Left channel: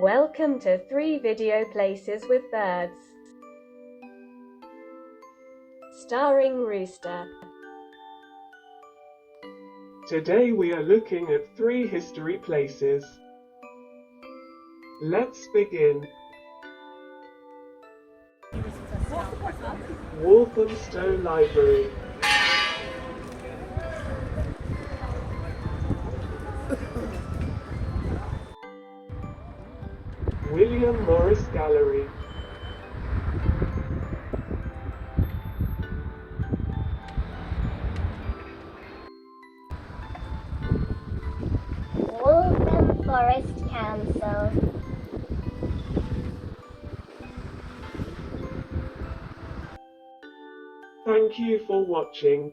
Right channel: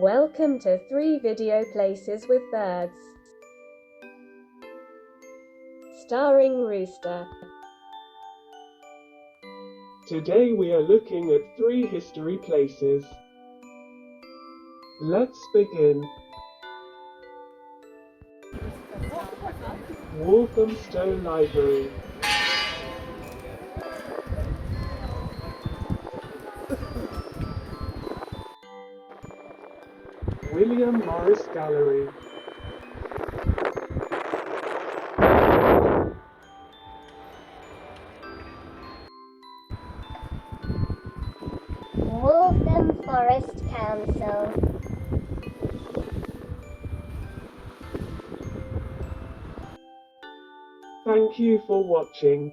Welcome to 3 Video Places with Birds. Starring Rooster. Today we are looking at 3 history places. Let's begin. Walthamstow Library. William Morris Gallery. Waltham Forest Council. Thank you for watching.